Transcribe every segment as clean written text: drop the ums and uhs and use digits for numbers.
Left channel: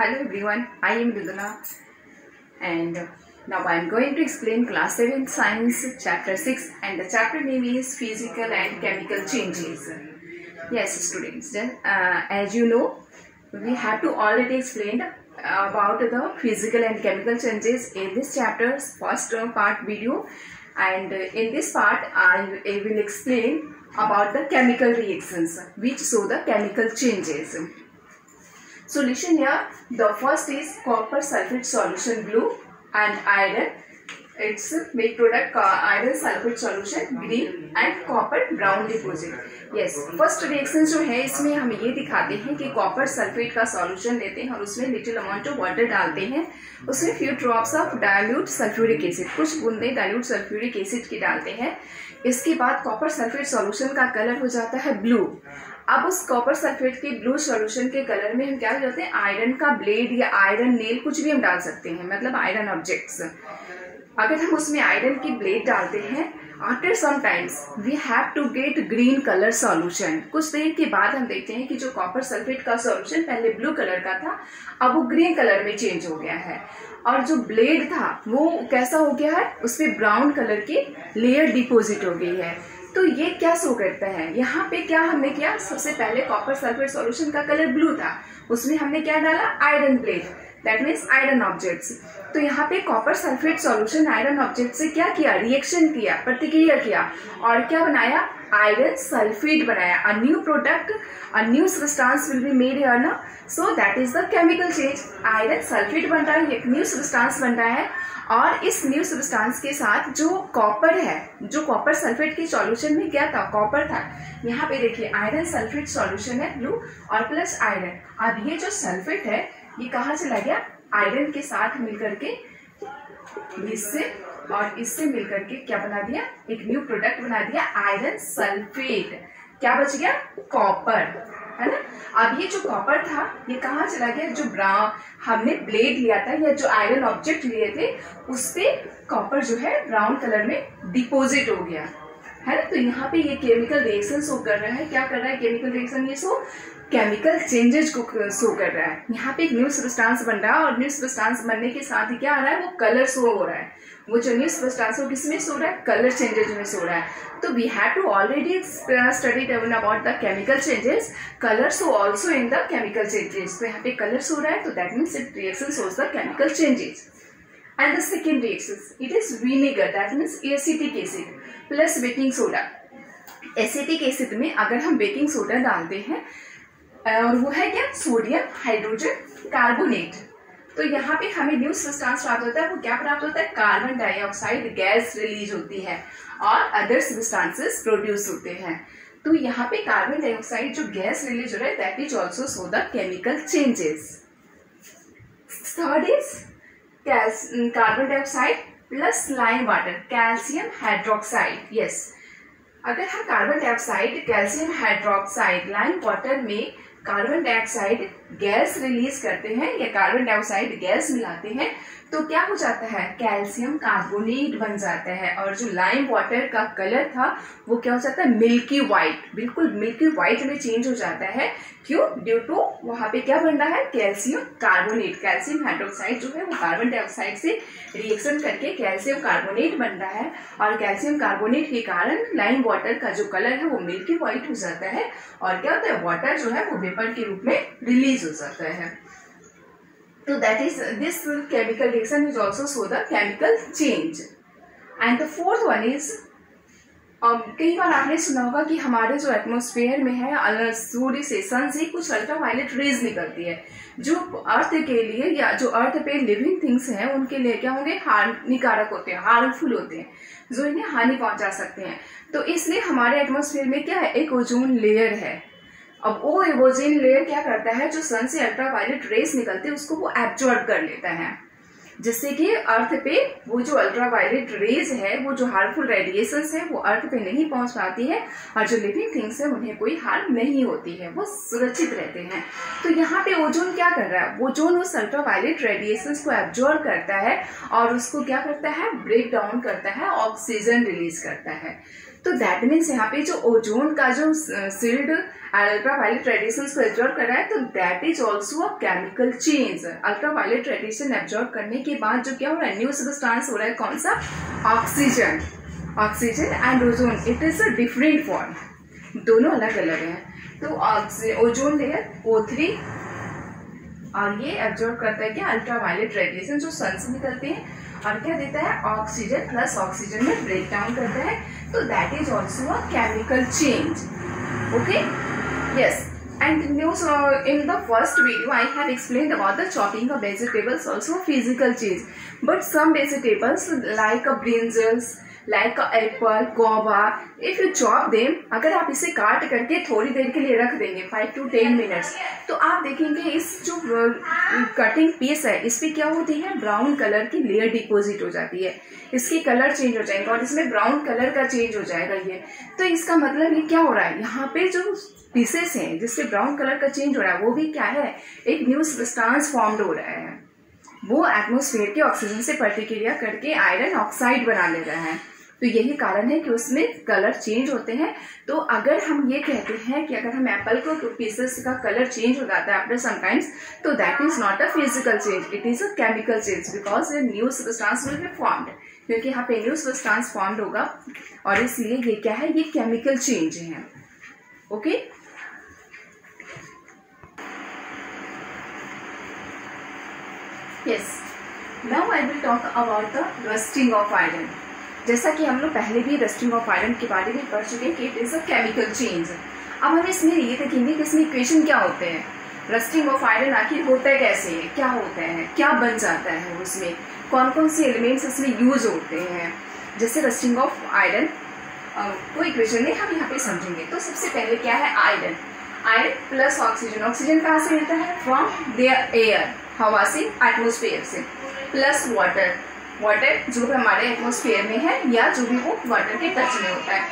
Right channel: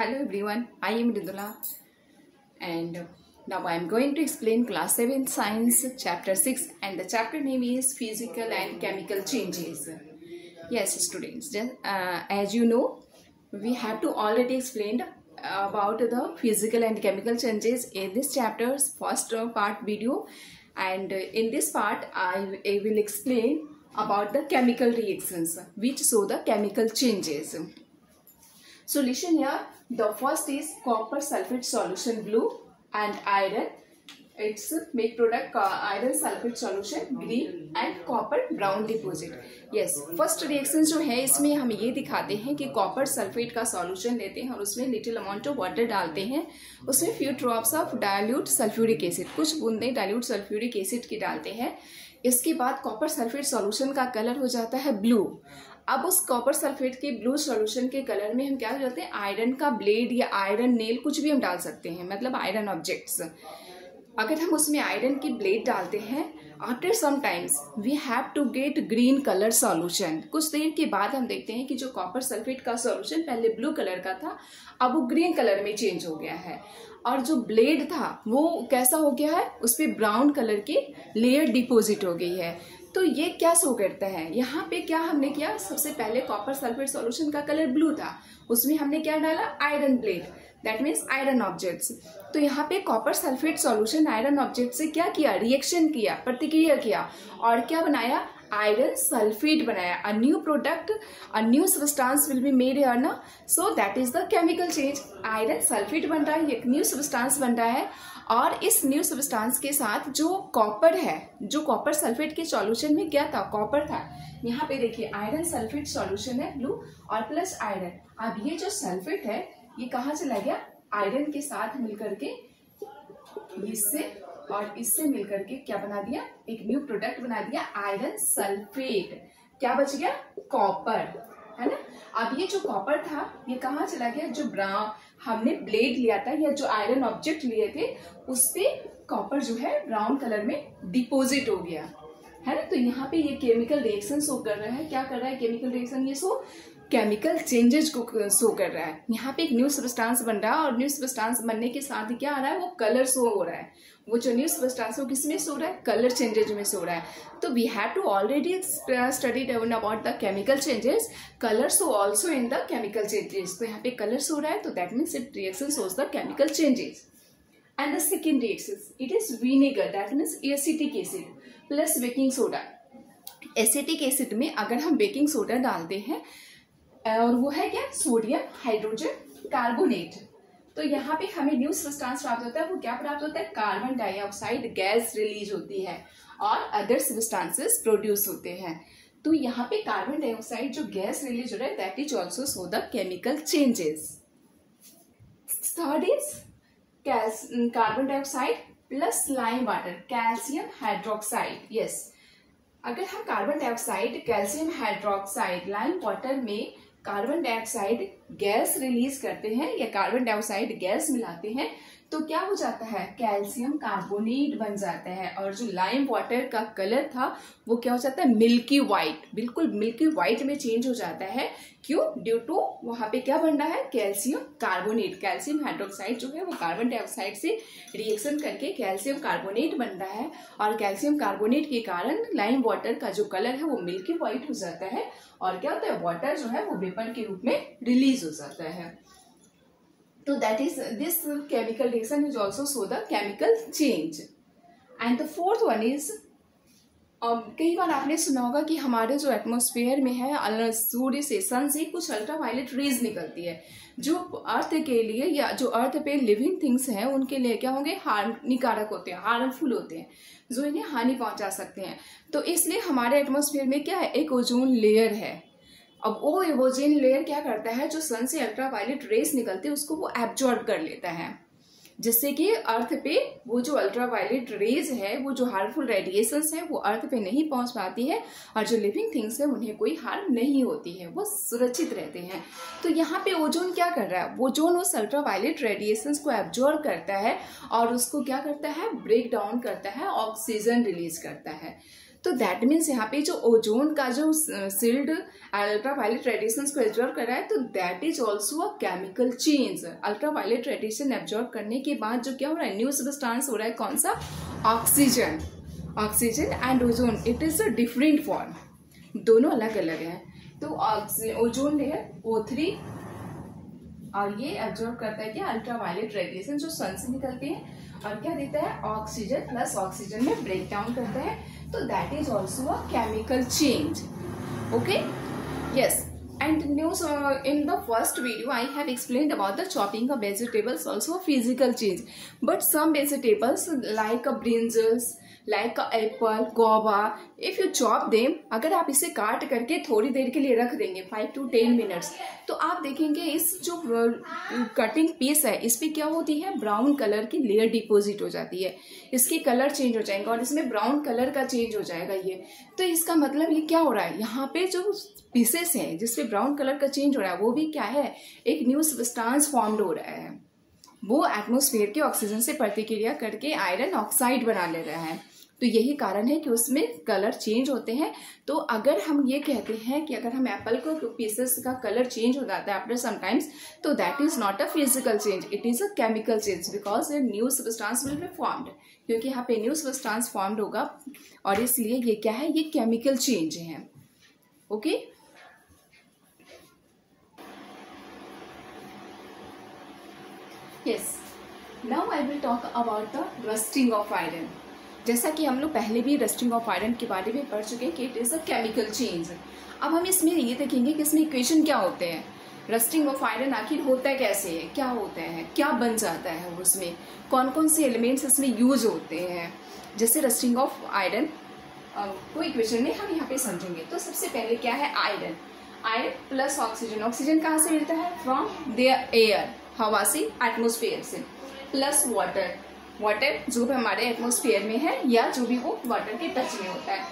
Hello everyone, I am Ridula and now I am going to explain class 7 science chapter 6 and the chapter name is physical and chemical changes. Yes students, as you know we have to already explain about the physical and chemical changes in this chapter's first part video, and in this part I will explain about the chemical reactions which show the chemical changes. So listen here, the first is copper sulfate solution blue and iron. Its make product iron sulfate solution green and copper brown deposit. Yes, first reaction जो है इसमें हम ये दिखाते हैं कि copper sulphate का solution लेते हैं और उसमें लिटिल अमाउंट ऑफ वाटर डालते हैं, उसमें few drops of dilute sulphuric acid, कुछ बूंदे डाइल्यूट सल्फ्यूरिक एसिड की डालते हैं। इसके बाद कॉपर सल्फेट सॉल्यूशन का कलर हो जाता है ब्लू। अब उस कॉपर सल्फेट के ब्लू सॉल्यूशन के कलर में हम क्या करते हैं, आयरन का ब्लेड या आयरन नेल कुछ भी हम डाल सकते हैं, मतलब आयरन ऑब्जेक्ट्स। अगर हम उसमें आयरन की ब्लेड डालते हैं, after some times we have to get green colour solution. कुछ देर के बाद हम देखते हैं कि जो कॉपर सल्फेट का सॉल्यूशन पहले ब्लू कलर का था अब वो ग्रीन कलर में चेंज हो गया है, और जो ब्लेड था वो कैसा हो गया है, उस पर ब्राउन कलर की लेयर डिपोजिट हो गई है। तो ये क्या शो करता है, यहाँ पे क्या हमने किया, सबसे पहले कॉपर सल्फेट सॉल्यूशन का कलर ब्लू था, उसमें हमने क्या डाला, iron blade, that means iron objects. तो यहाँ पे copper sulphate solution iron object से क्या किया, रिएक्शन किया, प्रतिक्रिया किया और क्या बनाया, आयरन सल्फेट बनाया। A new product, a new substance will be made here ना, so that is the chemical change. Iron sulphate बन रहा है, एक न्यू सब्सटेंस बन रहा है, और इस न्यू सब्सटेंस के साथ जो कॉपर है, जो कॉपर सल्फेट के सॉल्यूशन में क्या था, कॉपर था। यहाँ पे देखिए आयरन सल्फेट सॉल्यूशन है ब्लू और प्लस आयरन। अब ये जो सल्फेट है ये कहाँ चला गया, आयरन के साथ मिलकर के इससे और इससे मिलकर के क्या बना दिया, एक न्यू प्रोडक्ट बना दिया, आयरन सल्फेट। क्या बच गया, कॉपर, है ना। अब ये जो कॉपर था ये कहाँ चला गया, जो ब्राउन हमने ब्लेड लिया था या जो आयरन ऑब्जेक्ट लिए थे उस पे कॉपर जो है ब्राउन कलर में डिपोजिट हो गया, है ना। तो यहाँ पे ये केमिकल रिएक्शन शो कर रहा है, क्या कर रहा है केमिकल रिएक्शन, ये शो केमिकल चेंजेस को शो कर रहा है। यहाँ पे एक न्यू सब्सटेंस बन रहा है और न्यू सब्सटेंस बनने के साथ ही क्या आ रहा है, वो कलर शो हो रहा है। वो जो न्यू सब्सटेंस वो किसमें शो रहा है, कलर चेंजेस में शो रहा है। तो we have to already studied about the chemical changes, colour show also in the chemical changes. तो यहाँ पे कलर शो रहा है, तो that means it reaction shows the chemical changes. And the second reaction it is vinegar, that means acetic acid plus baking soda. Acetic acid में अगर हम baking soda डालते हैं और वो है क्या, सोडियम हाइड्रोजन कार्बोनेट, तो यहाँ पे हमें न्यू सब्सटेंस प्राप्त होता है। वो क्या प्राप्त होता है, कार्बन डाइऑक्साइड गैस रिलीज होती है और अदर सब्सटेंसेस प्रोड्यूस होते हैं। तो यहाँ पे कार्बन डाइऑक्साइड जो गैस रिलीज हो रहा है that is also show the chemical changes. Third is carbon dioxide plus lime water, calcium hydroxide. Yes, अगर हम carbon dioxide, calcium hydroxide, lime water में कार्बन डाइऑक्साइड गैस रिलीज करते हैं या कार्बन डाइऑक्साइड गैस मिलाते हैं तो क्या हो जाता है, कैल्शियम कार्बोनेट बन जाता है, और जो लाइम वाटर का कलर था वो क्या हो जाता है, मिल्की व्हाइट, बिल्कुल मिल्की व्हाइट में चेंज हो जाता है। क्यों, ड्यू टू वहां पे क्या बन रहा है, कैल्शियम कार्बोनेट। कैल्शियम हाइड्रोक्साइड जो है वो कार्बन डाइऑक्साइड से रिएक्शन करके कैल्शियम कार्बोनेट बन रहा है, और कैल्शियम कार्बोनेट के कारण लाइम वाटर का जो कलर है वो मिल्की व्हाइट हो जाता है, और क्या होता है, वाटर जो है वो वेपर के रूप में रिलीज हो जाता है। So that is this chemical reaction is also show the chemical change. And the fourth one is कई बार आपने सुना होगा कि हमारे जो एटमॉस्फेयर में है सूर्य से, सन से कुछ अल्ट्रावायलेट रेज निकलती है जो अर्थ के लिए या जो अर्थ पे लिविंग थिंग्स हैं उनके लिए क्या होंगे, हानिकारक होते हैं, हार्मफुल होते हैं, जो इन्हें हानि पहुंचा सकते हैं। तो इसलिए हमारे एटमॉस्फेयर में क्या है, एक ओजोन लेयर है। अब वो ओजोन लेयर क्या करता है, जो सन से अल्ट्रावायलेट रेस निकलते हैं उसको वो एब्जॉर्ब कर लेता है, जिससे कि अर्थ पे वो जो अल्ट्रावायलेट रेज है, वो जो हार्मफुल रेडिएशंस है वो अर्थ पे नहीं पहुंच पाती है, और जो लिविंग थिंग्स है उन्हें कोई हार्म नहीं होती है, वो सुरक्षित रहते हैं। तो यहाँ पे ओजोन क्या कर रहा है, ओजोन उस अल्ट्रावायलेट रेडिएशंस को एब्जॉर्ब करता है और उसको क्या करता है, ब्रेक डाउन करता है, ऑक्सीजन रिलीज करता है। तो दैट मीन्स यहाँ पे जो ओजोन का जो शील्ड अल्ट्रावायलेट रेडिएशंस को एब्जॉर्ब कर रहा है, तो that is also a chemical change. Ultraviolet radiation absorb करने के बाद जो क्या हो रहा है, न्यू सब्सटेंस हो रहा है, कौन सा, oxygen. Oxygen and ozone it is a different form, दोनों अलग अलग हैं। तो ओजोन लेयर O3 और ये एब्जॉर्ब करता है क्या, अल्ट्रावायलेट रेडिएशन जो सन से निकलते हैं, और क्या देता है, ऑक्सीजन प्लस ऑक्सीजन में ब्रेक डाउन करता है, तो that is also a chemical change. Okay, yes. And news in the first video I have explained about the chopping of vegetables, also a physical change. But some vegetables like brinjals, like apple, guava, if you chop them, अगर आप इसे काट करके थोड़ी देर के लिए रख देंगे 5 to 10 मिनट्स, तो आप देखेंगे इस जो कटिंग पीस है इस पे क्या होती है, ब्राउन कलर की लेयर डिपॉजिट हो जाती है, इसके कलर चेंज हो जाएगा और इसमें ब्राउन कलर का चेंज हो जाएगा ये। तो इसका मतलब ये क्या हो रहा है, यहाँ पे जो पीसेस हैं जिसपे ब्राउन कलर का चेंज हो रहा है वो भी क्या है, एक न्यू सब्सटेंस फॉर्म्ड हो रहा है, वो एटमॉस्फेयर के ऑक्सीजन से प्रतिक्रिया करके आयरन ऑक्साइड बना ले रहा है। तो यही कारण है कि उसमें कलर चेंज होते हैं। तो अगर हम ये कहते हैं कि अगर हम एप्पल को पीसेस का कलर चेंज हो जाता है आफ्टर समटाइम्स, तो that is not a physical change, it is a chemical change, because new substance will be formed, क्योंकि यहाँ पे न्यू सब्सटेंस फॉर्म्ड होगा और इसलिए ये क्या है, ये केमिकल चेंज है। Okay, yes, now I will talk about the rusting of iron. जैसा कि हम लोग पहले भी रस्टिंग ऑफ आयरन के बारे में पढ़ चुके हैं कि it is a chemical change. अब हम इसमें ये देखेंगे कि इसमें इक्वेशन क्या होते हैं, रस्टिंग ऑफ आयरन आखिर होता है कैसे, क्या होता है, क्या बन जाता है, उसमें कौन कौन से एलिमेंट्स इसमें यूज होते हैं। जैसे रस्टिंग ऑफ आयरन को इक्वेशन में हम यहाँ पे समझेंगे। तो सबसे पहले क्या है, iron, iron plus oxygen, oxygen कहाँ से मिलता है, फ्रॉम देयर एयर, हवा से, एटमोस्फेयर से, प्लस वाटर, वाटर जो भी हमारे एटमोस्फेयर में है या जो भी वो वाटर के टच में होता है,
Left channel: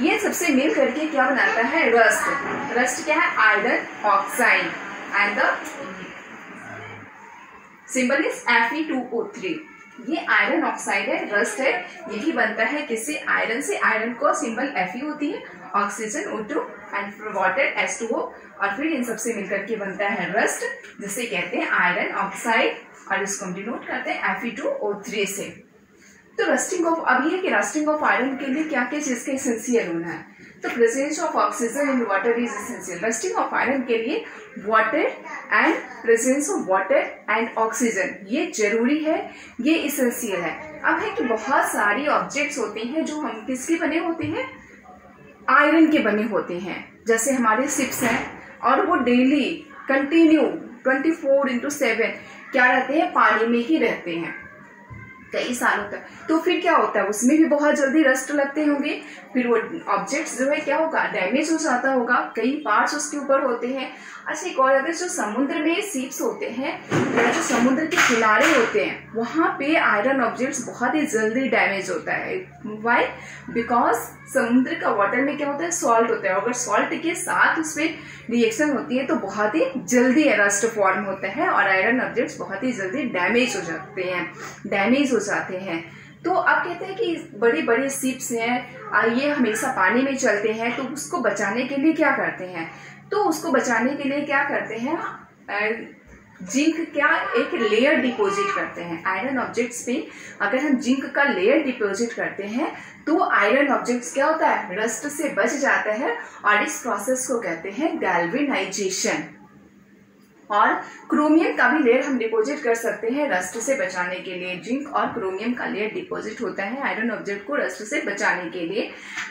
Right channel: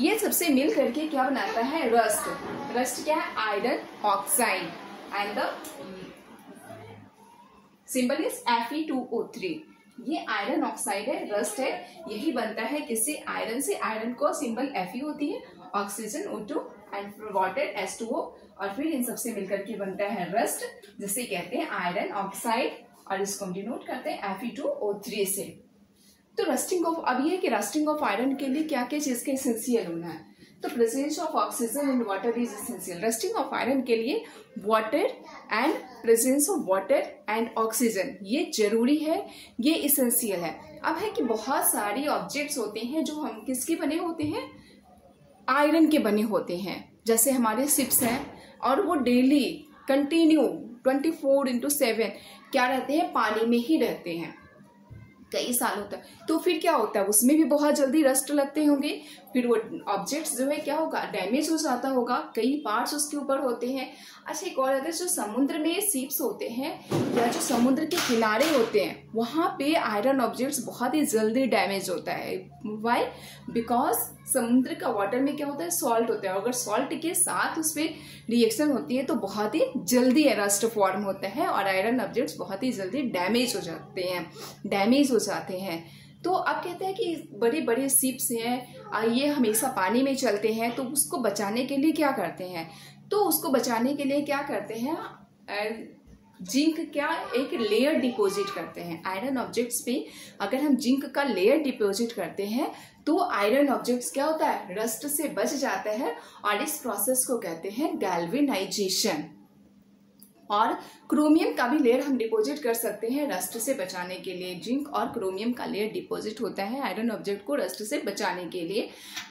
ये सबसे मिल करके क्या बनाता है, रस्ट। रस्ट क्या है, iron oxide, and the symbol is Fe2O3। ये आयरन ऑक्साइड है, रस्ट है, यही बनता है किससे, आयरन से। आयरन को सिंबल Fe होती है, oxygen O2 and water H2O, और फिर इन सबसे मिलकर के बनता है रस्ट, जिसे कहते हैं आयरन ऑक्साइड, और इसको हम डिनोट करते हैं Fe2O3 से। तो रस्टिंग ऑफ, अब ये कि रस्टिंग ऑफ आयरन के लिए क्या क्या चीज का एसेंशियल होना है, तो presence of oxygen in water is essential. Rusting of iron के लिए water and presence of water and oxygen ये जरूरी है, ये एसेंशियल है। अब है कि बहुत सारी ऑब्जेक्ट्स होते हैं जो हम किसके बने होते हैं, आयरन के बने होते हैं। जैसे हमारे शिप्स हैं और वो डेली कंटिन्यू 24/7 क्या रहते हैं, पानी में ही रहते हैं कई सालों तक। तो फिर क्या होता है, उसमें भी बहुत जल्दी रस्ट लगते होंगे, फिर वो ऑब्जेक्ट्स जो है क्या होगा, डैमेज हो जाता होगा, कई पार्ट्स उसके ऊपर होते हैं। अच्छा, एक और अगर जो समुद्र में सीप्स होते हैं या जो समुद्र के किनारे होते हैं, वहाँ पे आयरन ऑब्जेक्ट्स बहुत ही जल्दी डैमेज होता है। वाई, बिकॉज समुद्र का वाटर में क्या होता है, सॉल्ट होता है, अगर सॉल्ट के साथ उस पर रिएक्शन होती है तो बहुत ही जल्दी रस्ट फॉर्म होता है और आयरन ऑब्जेक्ट्स बहुत ही जल्दी डैमेज हो जाते हैं, डैमेज हो जाते हैं। तो अब कहते हैं कि बड़े बड़े शिप्स हैं, ये हमेशा पानी में चलते हैं, तो उसको बचाने के लिए क्या करते हैं, तो उसको बचाने के लिए क्या करते हैं, जिंक क्या एक लेयर डिपॉजिट करते हैं आयरन ऑब्जेक्ट्स पे। अगर हम जिंक का लेयर डिपॉजिट करते हैं तो आयरन ऑब्जेक्ट्स क्या होता है, रस्ट से बच जाता है, और इस प्रोसेस को कहते हैं गैल्वेनाइजेशन। और क्रोमियम का भी लेयर हम डिपॉजिट कर सकते हैं रस्ट से बचाने के लिए। जिंक और क्रोमियम का लेयर डिपॉजिट होता है आयरन ऑब्जेक्ट को रस्ट से बचाने के लिए।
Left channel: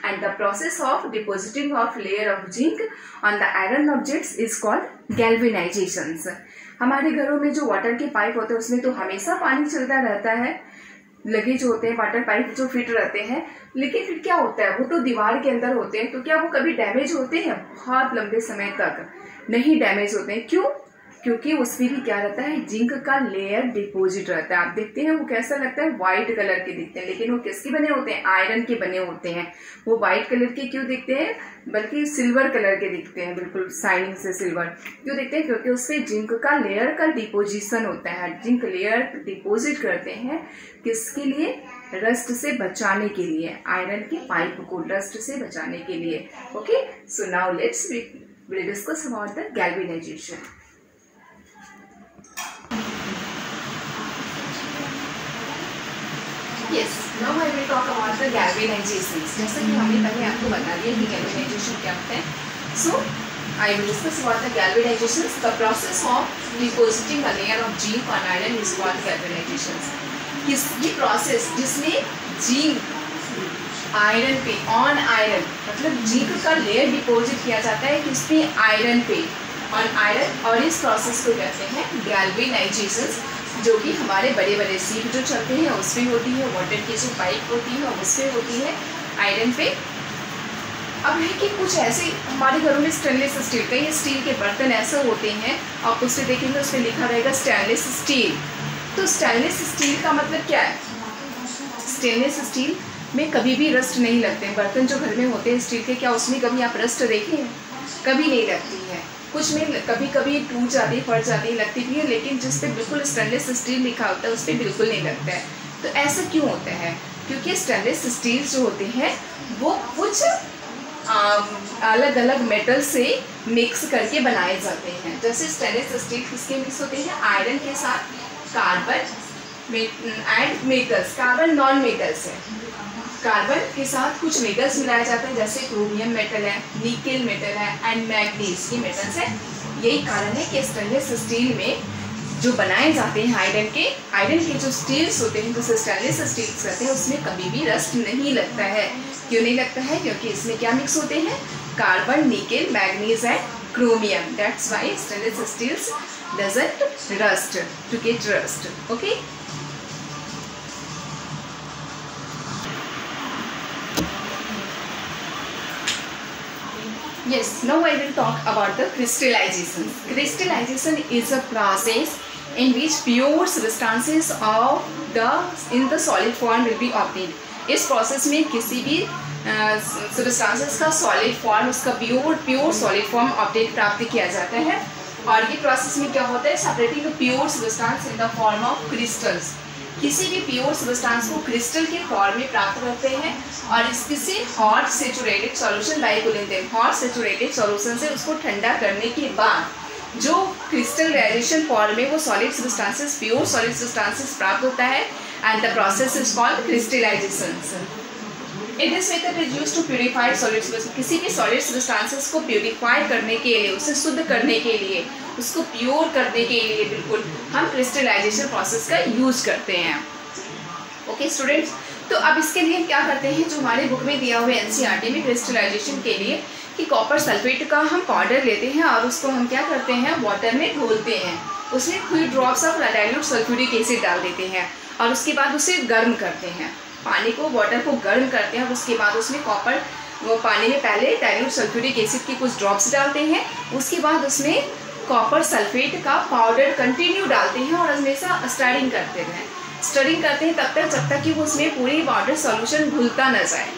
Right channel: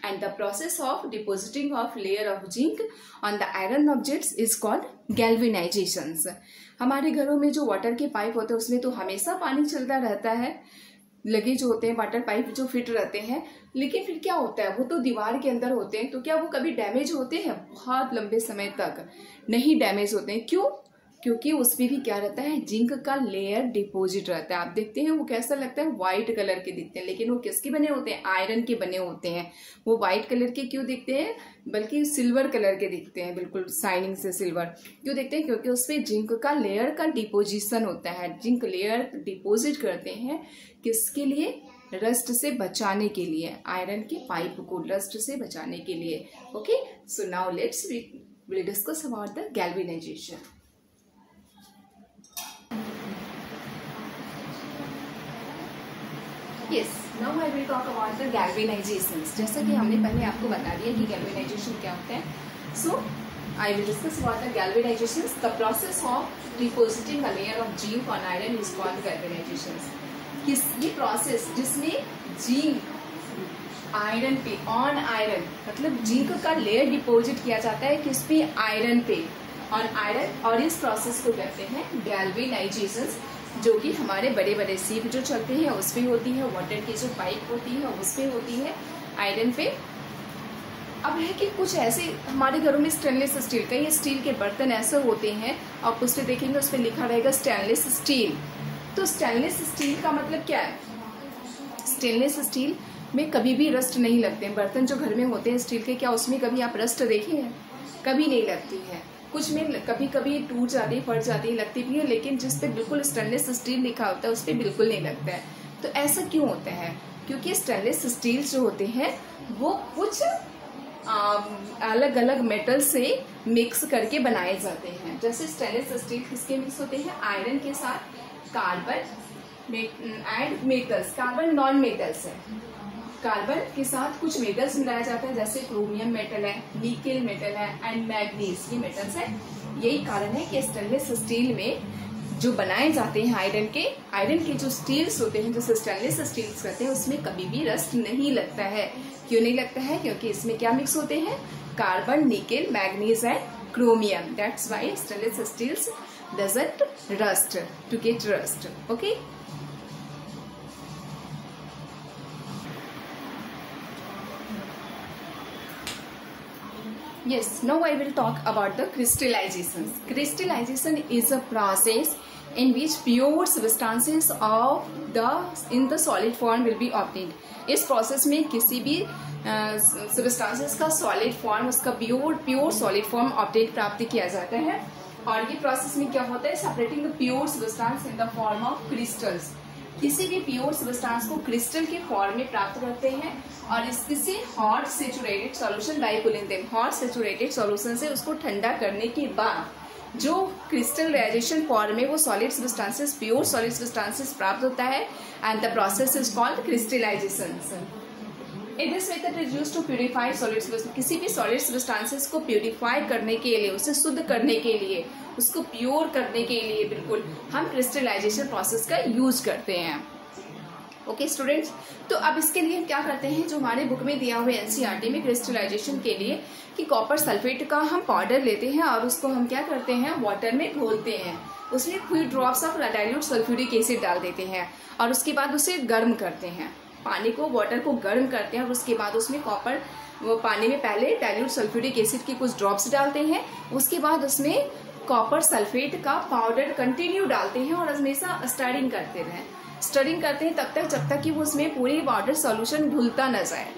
And the process of depositing of layer of zinc on the iron objects is called galvanisation. हमारे घरों में जो वाटर के पाइप होते हैं उसमें तो हमेशा पानी चलता रहता है, लगे जो होते हैं वाटर पाइप जो फिट रहते हैं, लेकिन फिर क्या होता है, वो तो दीवार के अंदर होते हैं, तो क्या वो कभी डैमेज होते हैं, बहुत लंबे समय तक नहीं डैमेज होते हैं। क्यों, क्योंकि उसमें भी क्या रहता है, जिंक का लेयर डिपॉजिट रहता है। आप देखते हैं वो कैसा लगता है, व्हाइट कलर के दिखते हैं, लेकिन वो किसके बने होते हैं, आयरन के बने होते हैं। वो व्हाइट कलर के क्यों दिखते हैं, बल्कि सिल्वर कलर के दिखते हैं, बिल्कुल शाइनिंग से सिल्वर क्यों दिखते हैं, क्योंकि उसमें जिंक का लेयर का डिपोजिशन होता है। जिंक लेयर डिपोजिट करते हैं किसके लिए, रस्ट से बचाने के लिए, आयरन के पाइप को रस्ट से बचाने के लिए। Okay, so now let's will discuss about the galvanisation. Yes, now I will talk about the galvanisation. जैसा कि हमने पहले आपको बता दिया कि गैल्वेनाइजेशन क्या होता है। सो I will discuss about the galvanization. The process of depositing a layer of zinc on iron is called galvanization. ये प्रोसेस जिसमें जिंक आयरन पे ऑन आयरन, मतलब जिंक का लेयर डिपॉजिट किया जाता है कि उसमें आयरन पे ऑन आयरन, और इस प्रोसेस को कहते हैं गैल्वेनाइजेशन, जो कि हमारे बड़े बड़े सीप जो चलते हैं उसमें होती है, वाटर की जो पाइप होती है उसमें होती है आयरन पे। अब है कि कुछ ऐसे हमारे घरों में स्टेनलेस स्टील का, ये स्टील के बर्तन ऐसे होते हैं, आप उससे देखेंगे उस पर लिखा रहेगा स्टेनलेस स्टील। तो स्टेनलेस स्टील का मतलब क्या है? स्टेनलेस स्टील में कभी भी रस्ट नहीं लगते। बर्तन जो घर में होते हैं स्टील के, क्या उसमें कभी आप रस्ट देखे हैं? कभी नहीं लगती है। कुछ में कभी कभी टूट जाती है, फट जाती है, लगती भी है, लेकिन जिस पे बिल्कुल स्टेनलेस स्टील लिखा होता है उस पर बिल्कुल नहीं लगता है। तो ऐसा क्यों होता है? क्योंकि स्टेनलेस स्टील जो होते हैं वो कुछ अलग अलग मेटल से मिक्स करके बनाए जाते हैं। जैसे स्टेनलेस स्टील किसके मिक्स होते हैं? आयरन के साथ carbon and metals. Carbon non metals है, कार्बन के साथ कुछ मेटल्स मिलाया जाता है, जैसे क्रोमियम मेटल है, निकेल मेटल है एंड मैग्नीज, ये मेटल्स है। यही कारण है कि स्टेनलेस स्टील में जो बनाए जाते हैं आयरन के जो स्टील्स होते हैं, जो स्टेनलेस स्टील्स रहते हैं, उसमें कभी भी रस्ट नहीं लगता है। क्यों नहीं लगता है? क्योंकि इसमें क्या मिक्स होते हैं? Carbon, nickel, manganese and chromium. That's why stainless steels doesn't rust to get rust. Okay, yes, now I will talk about the crystallization. Crystallization is a process in which pure substances in the solid form will be obtained. इस process में किसी भी substances का solid form, उसका pure solid form obtain प्राप्त किया जाता है। और ये प्रोसेस में क्या होता है? Separating the pure substance in the form of crystals. किसी भी प्योर सबस्टांस को क्रिस्टल के फॉर्म में प्राप्त करते हैं और किसी hot saturated solution bye cooling them. Hot saturated solution से उसको ठंडा करने के बाद जो क्रिस्टलाइजेशन फॉर्म में वो solid substances, pure solid substances प्राप्त होता है, and the process is called crystallisation. In this method is used to purify solid substance. किसी भी सॉलिड सबस्टांसेस को प्यूरिफाई करने के लिए, उसे शुद्ध करने के लिए, उसको प्योर करने के लिए बिल्कुल हम क्रिस्टलाइजेशन प्रोसेस का यूज करते हैं। ओके स्टूडेंट्स, तो अब इसके लिए क्या करते हैं, जो हमारे बुक में दिया हुआ है एनसीईआरटी में क्रिस्टलाइजेशन के लिए, कि कॉपर सल्फेट का हम पाउडर लेते हैं और उसको हम क्या करते हैं, वाटर में घोलते हैं, उसमें कुछ drops of dilute sulphuric acid डाल देते हैं और उसके बाद उसे गर्म करते हैं। पानी को, वाटर को गर्म करते हैं और उसके बाद उसमें कॉपर, वो पानी में पहले डाइल्यूट सल्फ्यूरिक एसिड के कुछ ड्रॉप्स डालते हैं, उसके बाद उसमें कॉपर सल्फेट का पाउडर कंटिन्यू डालते हैं और हमेशा स्टरिंग करते हैं तब तक जब तक कि वो उसमें पूरी पाउडर सॉल्यूशन घुलता न जाए।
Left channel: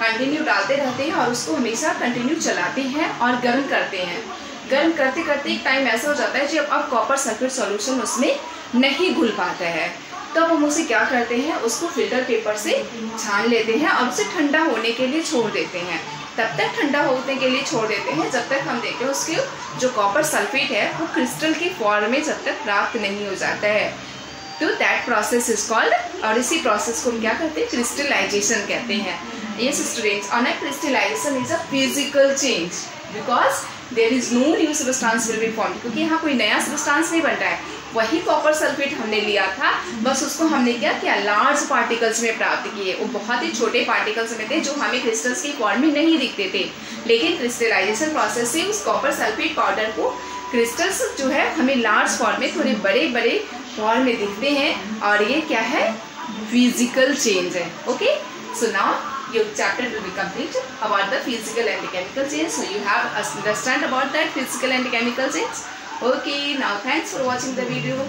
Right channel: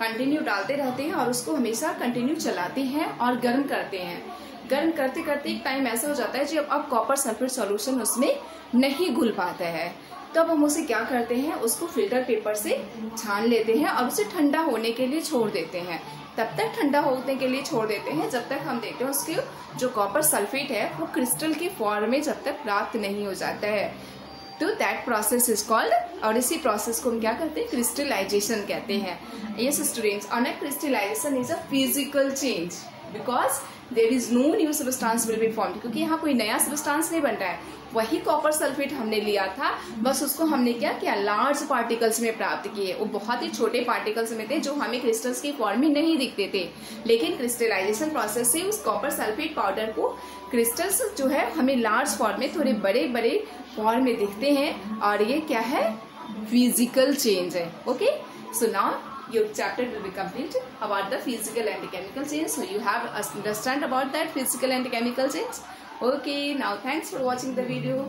कंटिन्यू डालते रहते हैं और उसको हमेशा कंटिन्यू चलाते हैं और गर्म करते हैं। गर्म करते करते एक टाइम ऐसा हो जाता है जब अब कॉपर सल्फेट सॉल्यूशन उसमें नहीं घुल पाता है, तब हम उसे क्या करते हैं, उसको फिल्टर पेपर से छान लेते हैं और उसे ठंडा होने के लिए छोड़ देते हैं। तब तक ठंडा होने के लिए छोड़ देते हैं जब तक हम देखते हैं उसके जो कॉपर सल्फेट है वो क्रिस्टल के फॉर्म में जब तक प्राप्त नहीं हो जाता है। तो दैट प्रोसेस इज कॉल्ड, और इसी प्रोसेस को हम क्या कहते हैं, क्रिस्टलाइजेशन कहते हैं। Yes students, on a crystallization is a physical change because there is no new substance will be formed, क्योंकि यहाँ कोई नया substance नहीं बन रहा है, वही कॉपर सल्फेट हमने लिया था, बस उसको हमने क्या किया, लार्ज पार्टिकल्स में प्राप्त किए। वो बहुत ही छोटे पार्टिकल्स में थे जो हमें क्रिस्टल्स की फॉर्म में नहीं दिखते थे, लेकिन क्रिस्टलाइजेशन प्रोसेस से उस कॉपर सल्फेट पाउडर को क्रिस्टल्स जो है हमें लार्ज फॉर्म में, थोड़े बड़े बड़े फॉर्म में दिखते हैं, और ये क्या है, फिजिकल चेंज है। Okay, so now your chapter will be complete about the physical and chemical change. So you have understand about that physical and chemical change. Okay, now thanks for watching the video.